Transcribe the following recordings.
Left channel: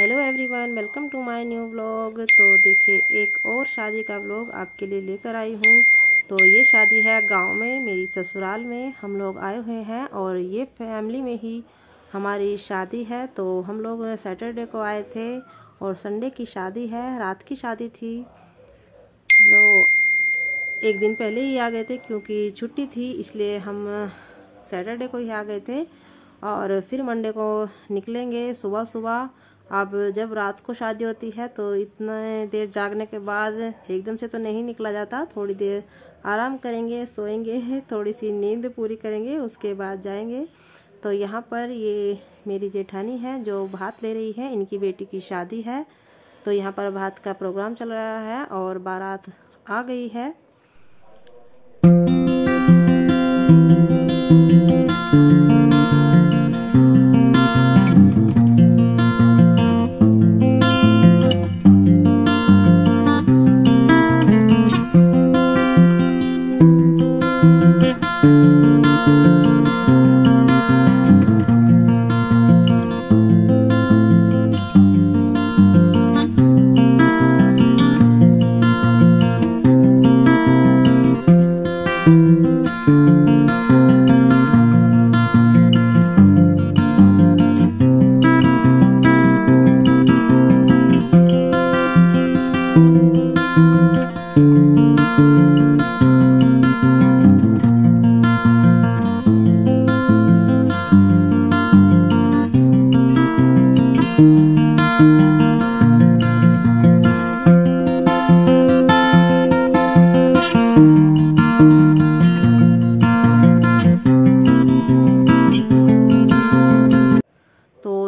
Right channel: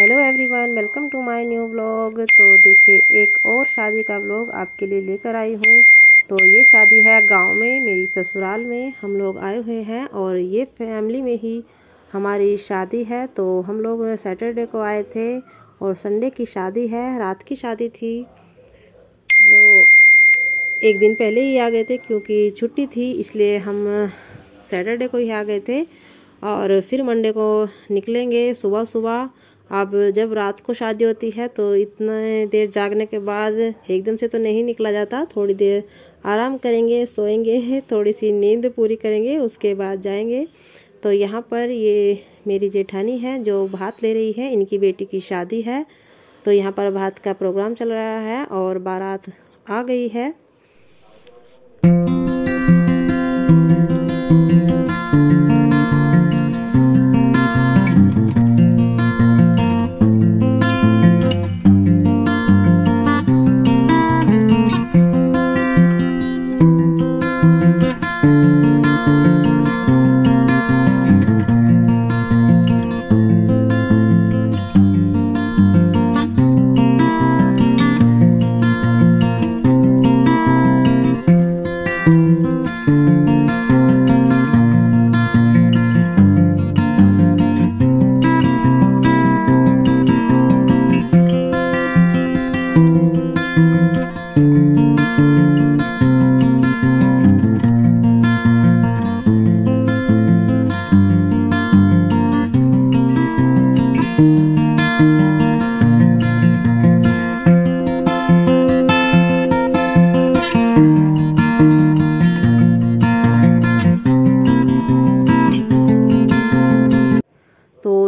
Hello everyone, welcome to my new vlog. तो देखिए, एक और शादी का व्लॉग आपके लिए लेकर आई हूँ। तो ये शादी है गांव में, मेरी ससुराल में हम लोग आए हुए हैं और ये फैमिली में ही हमारी शादी है। तो हम लोग सैटरडे को आए थे और संडे की शादी है, रात की शादी थी। तो एक दिन पहले ही आ गए थे क्योंकि छुट्टी थी, इसलिए हम सैटरडे को ही आ गए थे और फिर मंडे को निकलेंगे सुबह सुबह। अब जब रात को शादी होती है तो इतने देर जागने के बाद एकदम से तो नहीं निकला जाता, थोड़ी देर आराम करेंगे, सोएंगे, थोड़ी सी नींद पूरी करेंगे, उसके बाद जाएंगे। तो यहाँ पर ये मेरी जेठानी है जो भात ले रही है, इनकी बेटी की शादी है। तो यहाँ पर भात का प्रोग्राम चल रहा है और बारात आ गई है।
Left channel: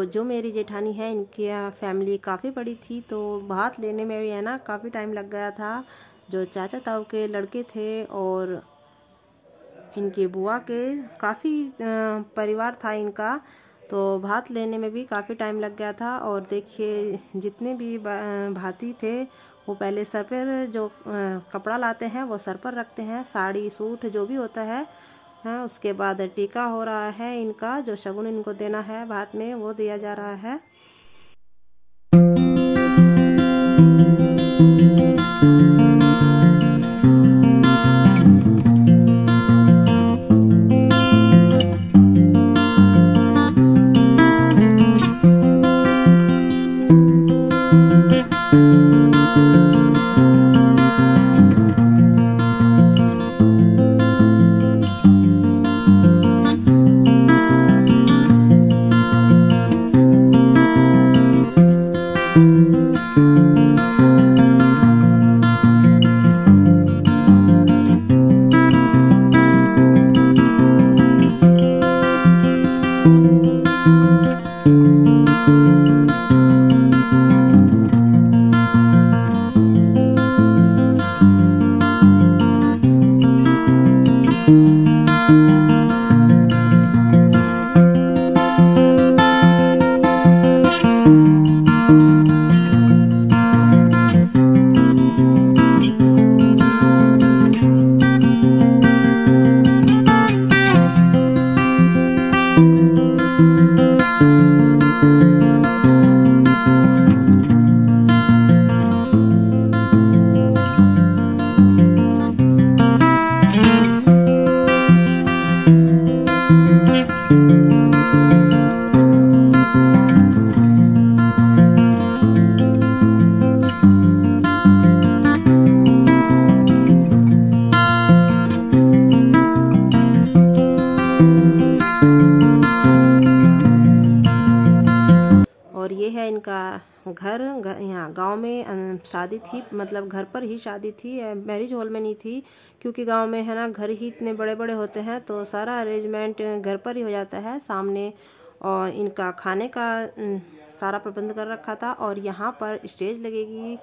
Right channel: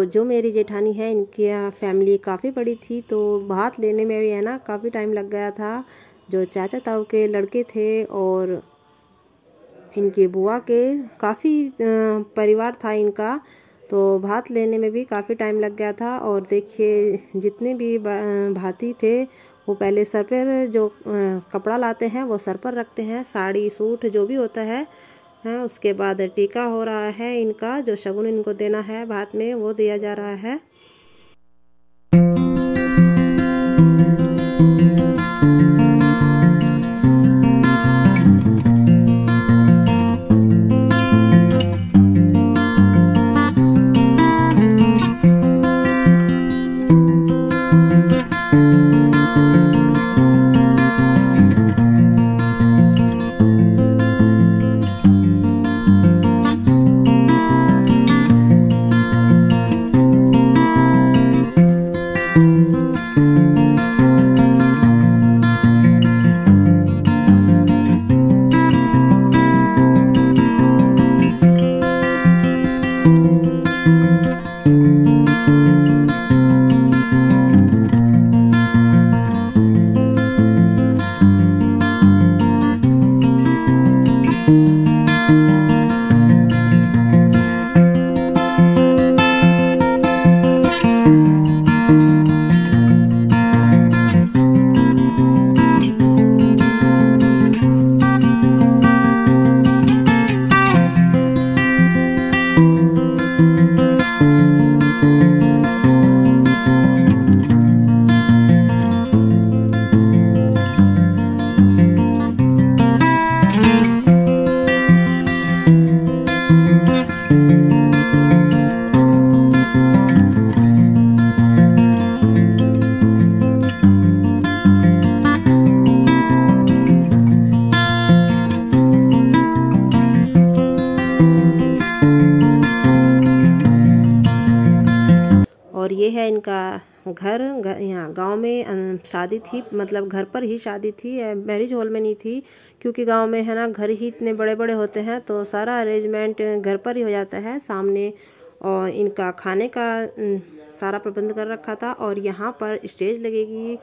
जो मेरी जेठानी है, इनकी फैमिली काफ़ी बड़ी थी, तो भात लेने में भी है ना काफ़ी टाइम लग गया था। जो चाचा ताऊ के लड़के थे और इनकी बुआ के काफ़ी परिवार था इनका, तो भात लेने में भी काफ़ी टाइम लग गया था। और देखिए, जितने भी भाती थे वो पहले सर पर जो कपड़ा लाते हैं वो सर पर रखते हैं, साड़ी सूट जो भी होता है। हाँ, उसके बाद टीका हो रहा है, इनका जो शगुन इनको देना है भात में वो दिया जा रहा है। और ये है इनका घर। यहाँ गांव में शादी थी, मतलब घर पर ही शादी थी, मैरिज हॉल में नहीं थी, क्योंकि गांव में है ना घर ही इतने बड़े बड़े होते हैं तो सारा अरेंजमेंट घर पर ही हो जाता है सामने। और इनका खाने का सारा प्रबंध कर रखा था। और यहाँ पर स्टेज लगेगी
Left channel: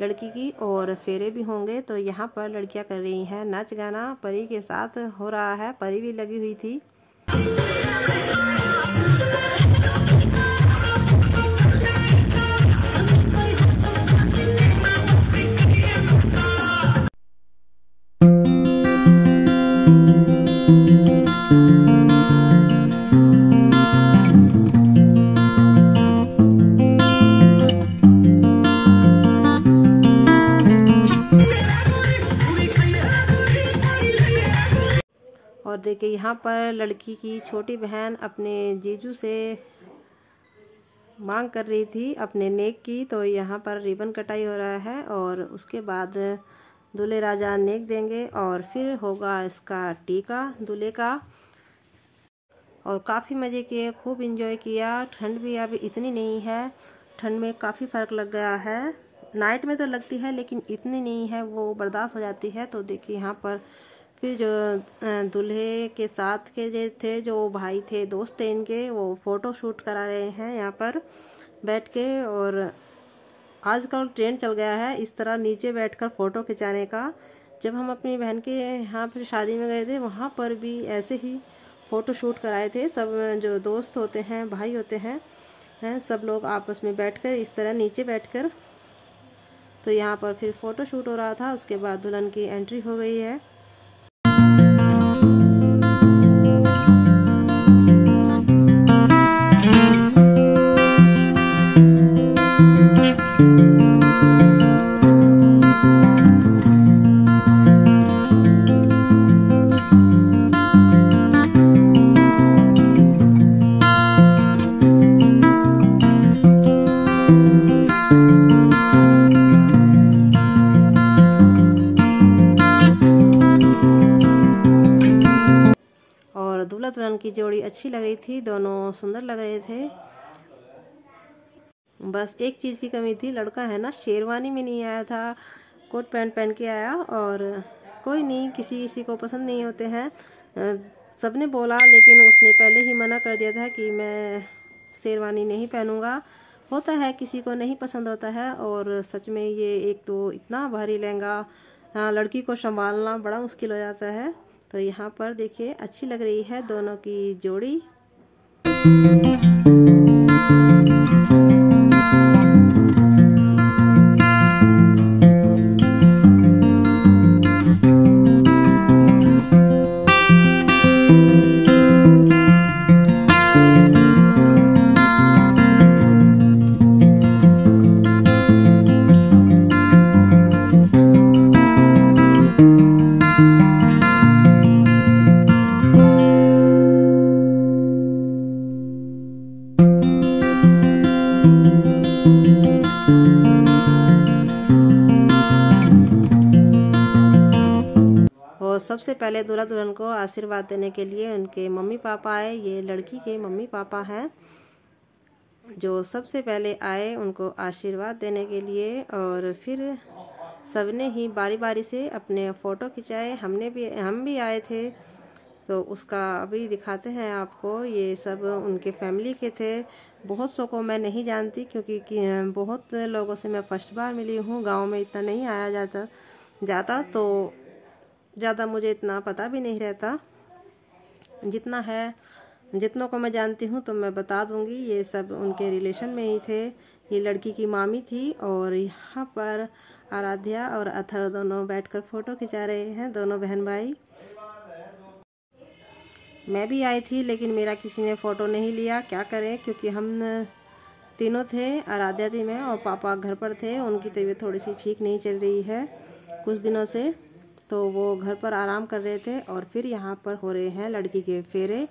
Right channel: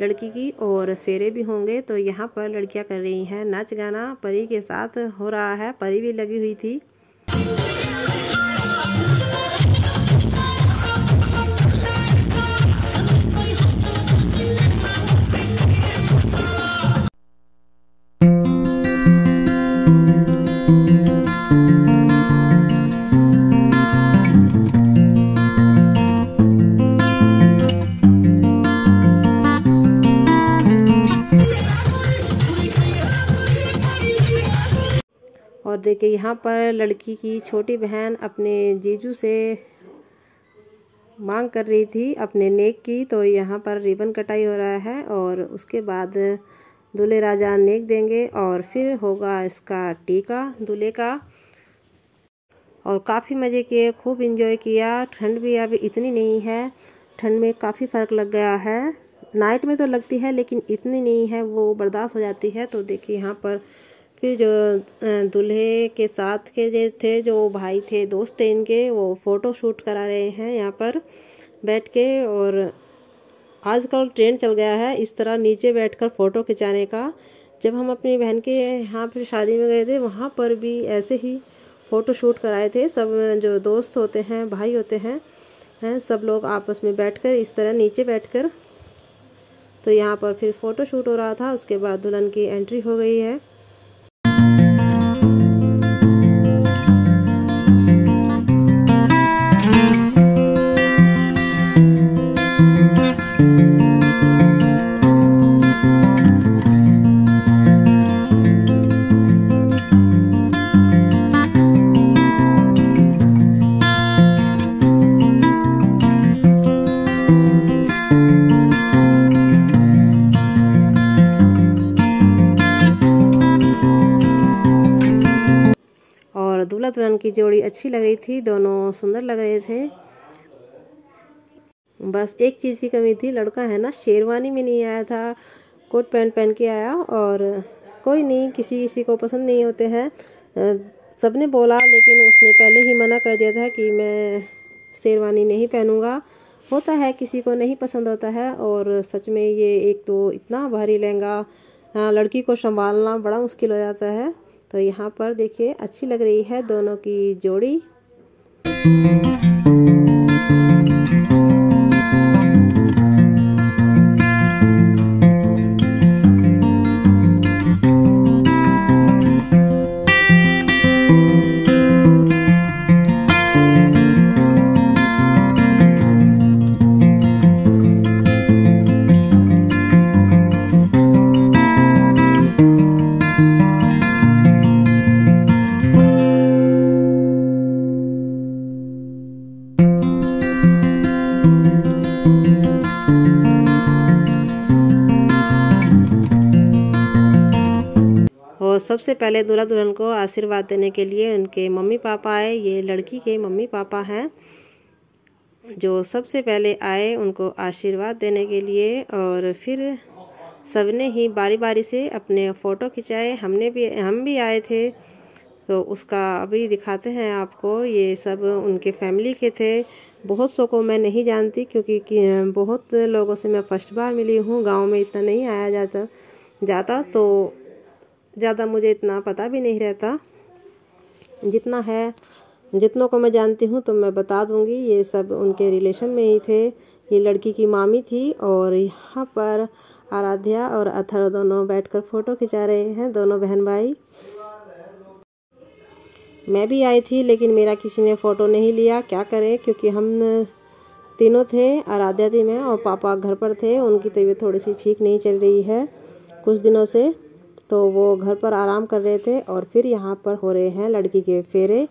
लड़की की और फेरे भी होंगे। तो यहाँ पर लड़कियाँ कर रही हैं नाच गाना, परी के साथ हो रहा है, परी भी लगी हुई थी। देखिए यहाँ पर लड़की की छोटी बहन अपने जीजू से मांग कर रही थी अपने नेक की। तो यहाँ पर रिबन कटाई हो रहा है और उसके बाद दूल्हे राजा नेक देंगे और फिर होगा इसका टीका दूल्हे का। और काफ़ी मज़े किए, खूब इंजॉय किया। ठंड भी अभी इतनी नहीं है, ठंड में काफ़ी फ़र्क लग गया है। नाइट में तो लगती है लेकिन इतनी नहीं है, वो बर्दाश्त हो जाती है। तो देखिए यहाँ पर फिर जो दूल्हे के साथ के जो थे, जो भाई थे, दोस्त थे इनके, वो फ़ोटो शूट करा रहे हैं यहाँ पर बैठ के। और आजकल ट्रेंड चल गया है इस तरह नीचे बैठकर फ़ोटो खिंचाने का। जब हम अपनी बहन के यहाँ पर शादी में गए थे, वहाँ पर भी ऐसे ही फ़ोटो शूट कराए थे। सब जो दोस्त होते हैं, भाई होते हैं, सब लोग आपस में बैठकर इस तरह नीचे बैठकर। तो यहाँ पर फिर फ़ोटो शूट हो रहा था। उसके बाद दुल्हन की एंट्री हो गई है। दूल्हा दुल्हन की जोड़ी अच्छी लग रही थी, दोनों सुंदर लग रहे थे। बस एक चीज़ की कमी थी, लड़का है ना शेरवानी में नहीं आया था, कोट पैंट पहन के आया। और कोई नहीं, किसी किसी को पसंद नहीं होते हैं। सबने बोला लेकिन उसने पहले ही मना कर दिया था कि मैं शेरवानी नहीं पहनूंगा। होता है किसी को नहीं पसंद होता है। और सच में ये एक तो इतना भारी लहंगा, लड़की को संभालना बड़ा मुश्किल हो जाता है। तो यहाँ पर देखिए अच्छी लग रही है दोनों की जोड़ी। और सबसे पहले दूल्हा दुल्हन को आशीर्वाद देने के लिए उनके मम्मी पापा आए। ये लड़की के मम्मी पापा हैं जो सबसे पहले आए उनको आशीर्वाद देने के लिए। और फिर सबने ही बारी बारी से अपने फ़ोटो खिंचाए। हम भी आए थे, तो उसका अभी दिखाते हैं आपको। ये सब उनके फैमिली के थे। बहुत सौ को मैं नहीं जानती क्योंकि बहुत लोगों से मैं फर्स्ट बार मिली हूँ। गांव में इतना नहीं आया जाता तो ज़्यादा मुझे इतना पता भी नहीं रहता। जितना है, जितनों को मैं जानती हूँ तो मैं बता दूँगी। ये सब उनके रिलेशन में ही थे। ये लड़की की मामी थी। और यहाँ पर आराध्या और अथर्व दोनों बैठकर फ़ोटो खिंचा रहे हैं, दोनों बहन भाई। मैं भी आई थी लेकिन मेरा किसी ने फ़ोटो नहीं लिया, क्या करें, क्योंकि हम तीनों थे, आराध्या थी, मैं और पापा घर पर थे। उनकी तबीयत थोड़ी सी ठीक नहीं चल रही है कुछ दिनों से, तो वो घर पर आराम कर रहे थे। और फिर यहाँ पर हो रहे हैं लड़की के फेरे।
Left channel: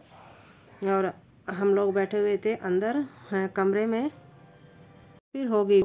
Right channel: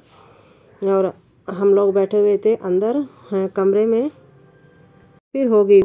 और हम लोग बैठे हुए थे अंदर कमरे में। फिर होगी